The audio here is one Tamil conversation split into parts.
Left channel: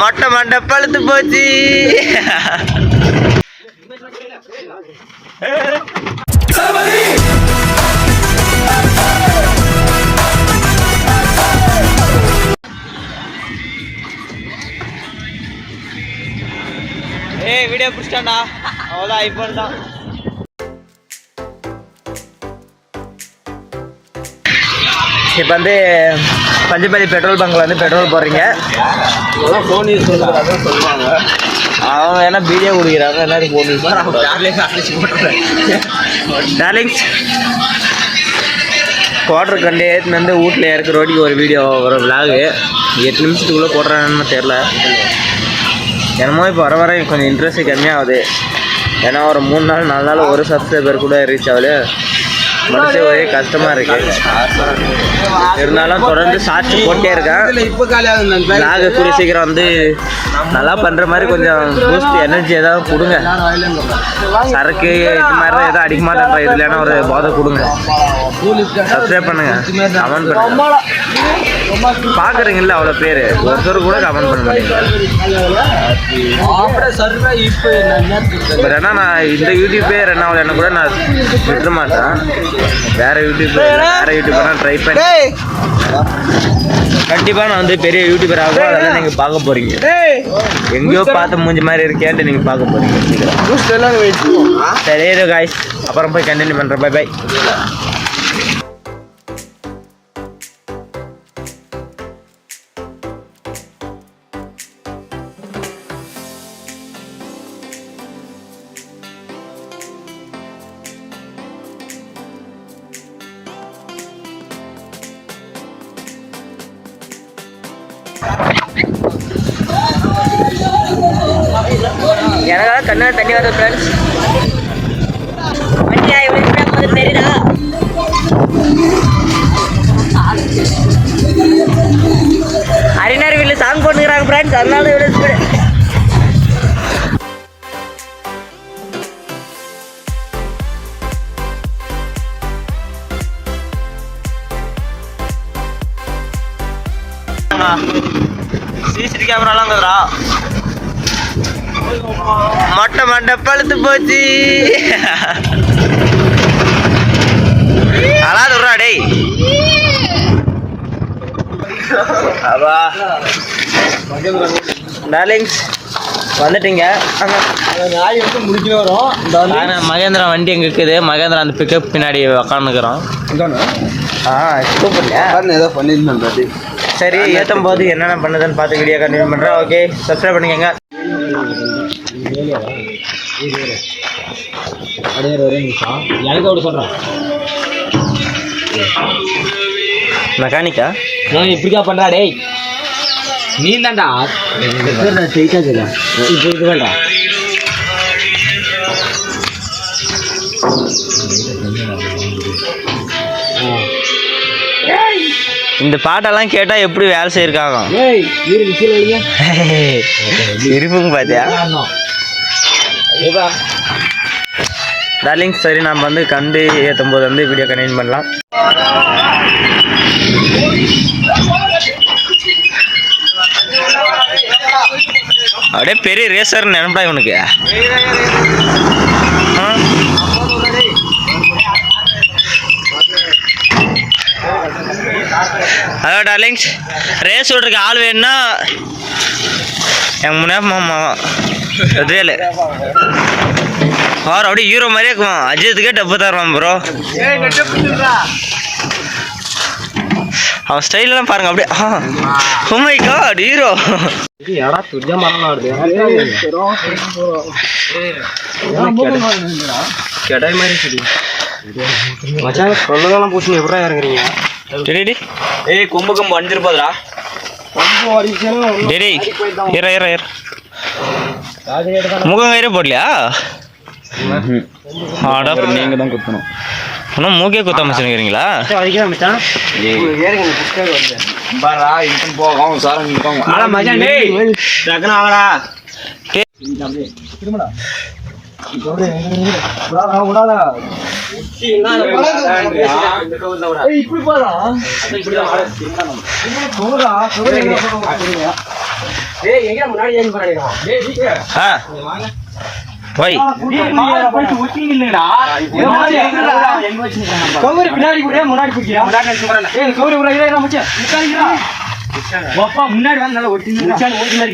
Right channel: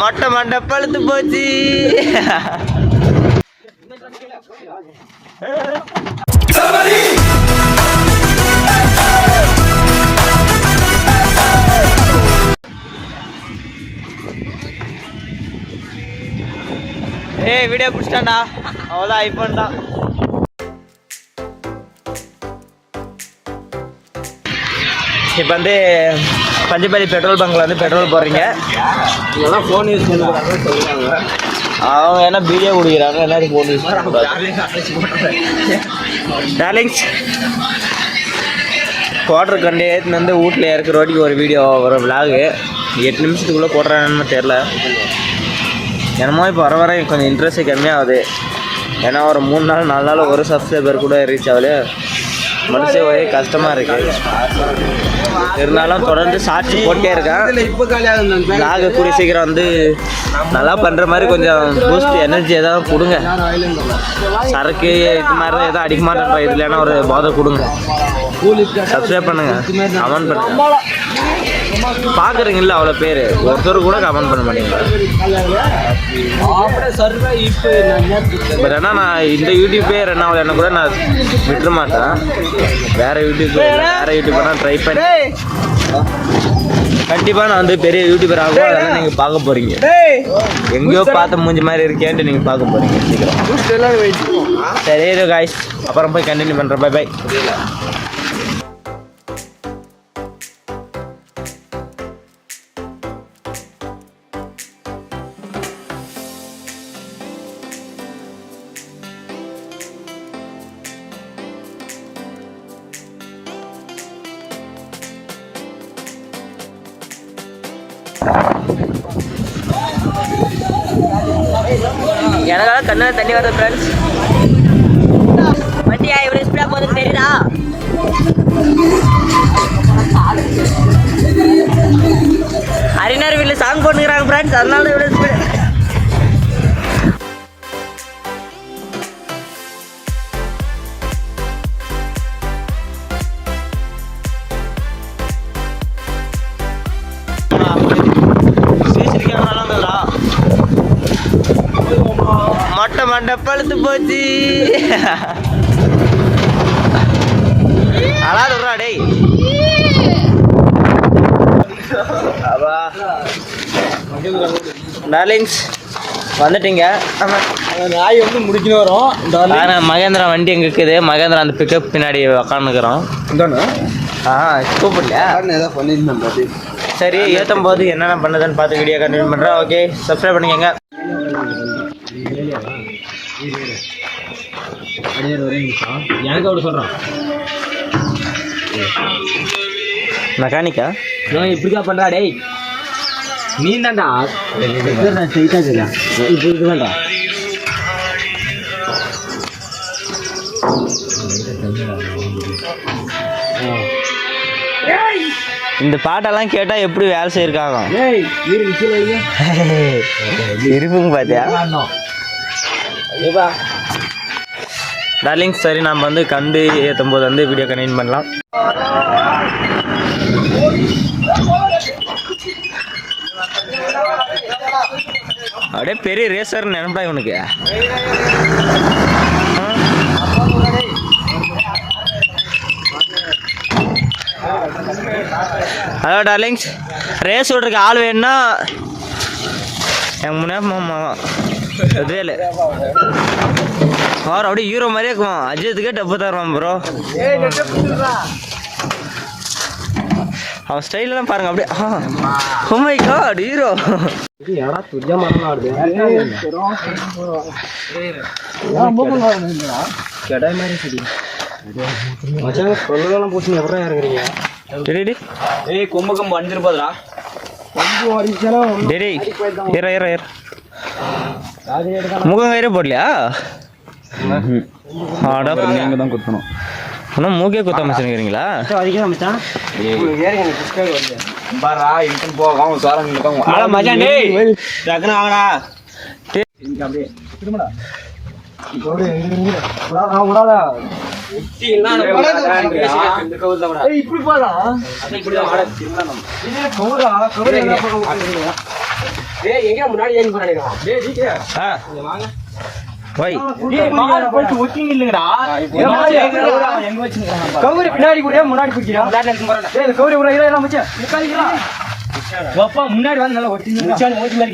மொட்டை மண்டை பழுத்து போச்சு. வீடியோ பிடிச்சிட்டாண்டா, அவ்வளோதான், ஐஃபோன் தான். இப்போ வந்து பஞ்சப்பள்ளி பெட்ரோல் பங்க்ல வந்து பெட்ரோல் போடுறீங்க. ஃபோன் யூஸ் சொல்லுவாங்க. அவங்க என்ன பீடியோ குடிக்கிறாங்க, எல்லாரும் ஃபோன் யூஸ் டார்லிங்ஸ். குவார்டர் கண்டு ஏற்றுன்னு வந்து வீட்டில் இறக்குற ரோட்டிக்கு ஒரு வீடியோ ஒரு விளாகு 8 நிமிஷத்துக்குள்ளே போடுறான்னு தெரில. என்னமோ இப்போ வர வர கொஞ்சம் இன்ட்ரெஸ்ட்டு கம்மியாகுது. ஏன்னா ஒரு 3 நாள் 4 நாள் ஒரு சப்ஸ்கிரைபர் கூட ரீச் ஆகுது. மனசே ஒரே கஷ்டமாக இருக்குது. இருந்தாலும் தொடர்ந்து சாட்சி போட்டே இருக்கேன். விளாகு கூடிய சீக்கிரம் வந்து நல்லா பண்ணுற மாதிரி கொஞ்சம் பூஸ்ட் எனர்ஜி எதாவது கொடுங்க. சரக்கு இது மாதிரி தான் எதாவது அடிக்க மாட்டேன்ற இதுலனா ஒரு போதை கொடுங்க. சப்ஸ்கிரைப் பண்ணுங்க, கமெண்ட் பண்ணுங்க. பார்க்குறீங்கல்ல அவ்வளோ பேர், ஒருத்தர் கூட கமெண்ட் பண்ண மாட்டீங்க. பட் ஆனால் நான் இந்த யூடியூப்பே ரெண்டாவது என்ன கூட நான் விட்டுற மாட்டேன். வேறு யூடியூப்பர்னா ட்ரை பண்ணி கண்டிப்பாக நான் வந்து பெரிய யூடியூபர் ஆகும். அதெல்லாம் நீங்கள் பார்க்க போகிறீங்க. எங்கேயோ பார்த்து மூஞ்சி மாதிரி இருக்கேன்ட்டு நீங்கள் பார்க்க போகிறீங்க. சரி ஏதோ காய்ஸ், அப்புறம் போய் கண்டினியூ பண்ணுறேன். Bye bye. எனக்காக கண்ணில் தண்ணி வருது ஃப்ரெண்ட்ஸ். வண்டியா இவ்வளோ ஸ்பீடாக போகுது தெரியுதா? அறிஞர் வீட்டில் சாங் போட்டுக்கிறாங்க ஃப்ரெண்ட்ஸ், அதனால இவ்வளோ ஸ்பீடு. சிசிடி கேமராலாம் வந்துடுறா. மொட்டை மண்டை பழுத்து போச்சு. அதான் சொல்றா டேய். அப்பா டார்லிங்ஸ் வந்துட்டீங்க. மகேந்திரா வண்டி எங்கே இருக்குது? மகேந்திரா அந்த பிக்கப் பின்னாடி உக்காந்துக்கிறோம். கூப்பிடலையா? சரி, ஏற்றும் போது என்னென்ன பண்ணுதுன்னு பார்த்து வீடியோ கண்டினியூ பண்ணுறேன். ஓகே, சப்ஸ்கிரைப் பண்ணிக்கோங்க. எனக்கு அப்படி சொல்கிறான் மெக்கானிக்கா. ஏன் இப்படிக்கா பண்ணுறா டேய்? நீ தான்டா ஸ்ட்ரெயிட்டாக இப்போ இது வேண்டா. இந்த பாட்டெல்லாம் கேட்டால் எப்படி வேலை செய்யிருக்காங்க இருப்புங்க பார்த்தியா டார்லிங். சரி, நம்ம வந்து கண்டு ஏற்றும் போது வந்து வீடியோ கண்டினியூ பண்ணலாம். அப்படியே பெரிய ரேசர் நினைப்பா இவனுக்கு. ஹலோ டார்லிங்ஸ், ரேஸ் விட்றதுக்கு ஆள் வேணும்னா எங்கள் முன்னாடி எதிரேலு அவர் அப்படியே ஹீரோ மாதிரியே இருக்குமா. அஜித்துக்கே டப்பு தருவான் ப்ரோ. அவன் ஸ்டைலெலாம் பாருங்க அப்படியே. Oh my god, hero. கடாய் மாதிரி மச்சான் சொல்லலாம் பூசி எப்படா இறங்குறீங்க? டேடி ஏய் கொம்பு கொம்பு அடிஞ்சிருப்பாதுடா. டேடி ஏற ஏற ஏற முகம் கயிறு போடலையா? ஆடா நீங்கள் தான் குத்தணும். இன்னும் மூக்கே குத்தாம வச்சுருக்கிறீங்களா? முன்னாடி வந்து நல்லா ஒட்டி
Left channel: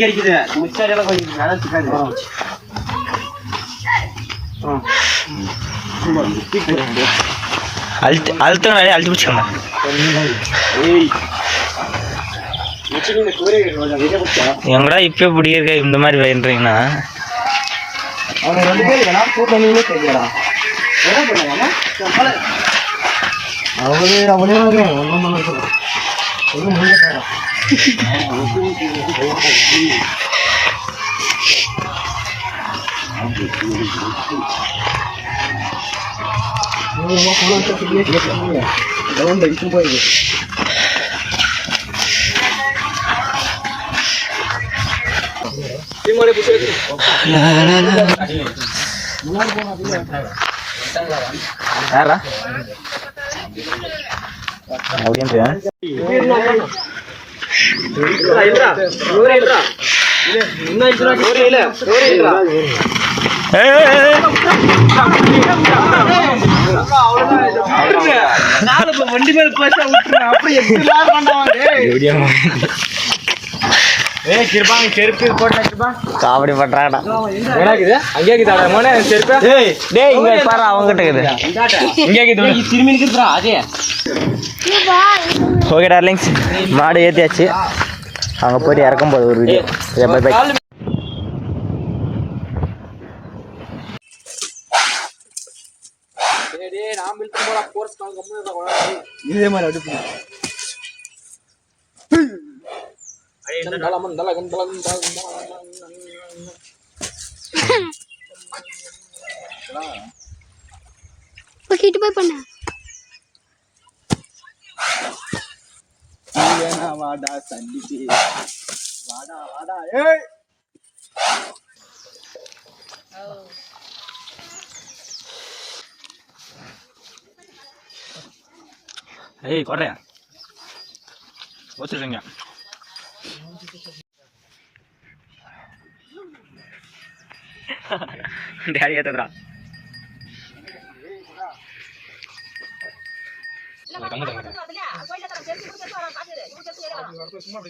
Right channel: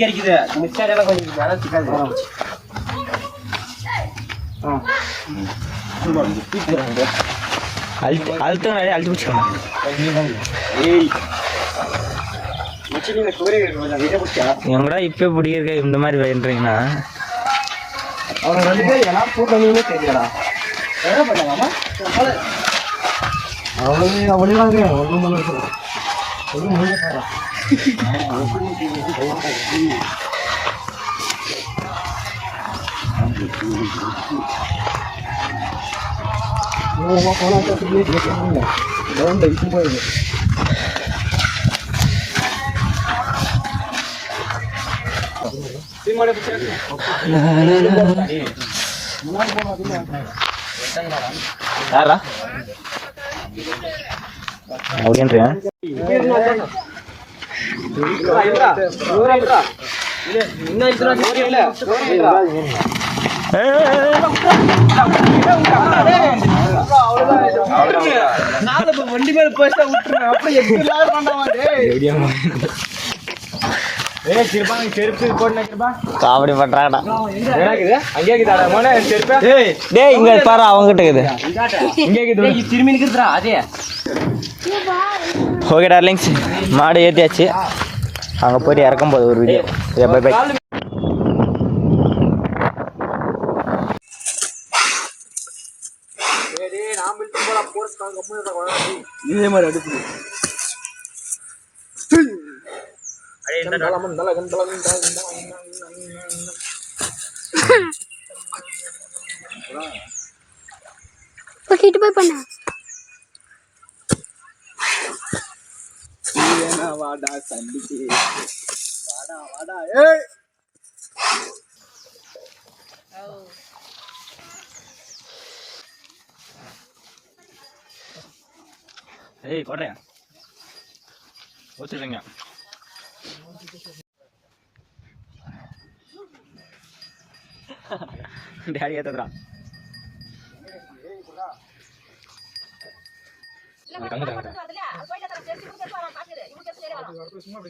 கிடைக்குது மிச்சாரி எல்லாம் கொஞ்சம் அழுத்தம் அழுத்தி பிடிச்சிக்கோங்க. எங்கடா இப்ப பிடிக்க இந்த மாதிரி வேண்டீங்கன்னா அவங்க 2 பேர் என்ன கூட்டமே தெரியலடா. என்ன பண்ணாமா அவளே ஒன்றும் பண்ண ஒன்றும் முடியல. போயிடுது யாரா அப்படின்றியா? வண்டி மேல காமெடி பண்றாங்கடா. இங்க பாரு அவங்ககிட்ட இருக்குது. ஓகே டார்லிங்ஸ், மாடு ஏற்றியாச்சு. அங்கே போய்ட்டு இறக்கும் போது ஒரு வீடியோ. By by. இதே மாதிரி அடுப்பு போய் பண்ண வாடா சண்டிக்கு வாடா வாடா. ஏய் கொடையா வச்சுருங்க. டேடி ஏத்ததுடா. சும்மா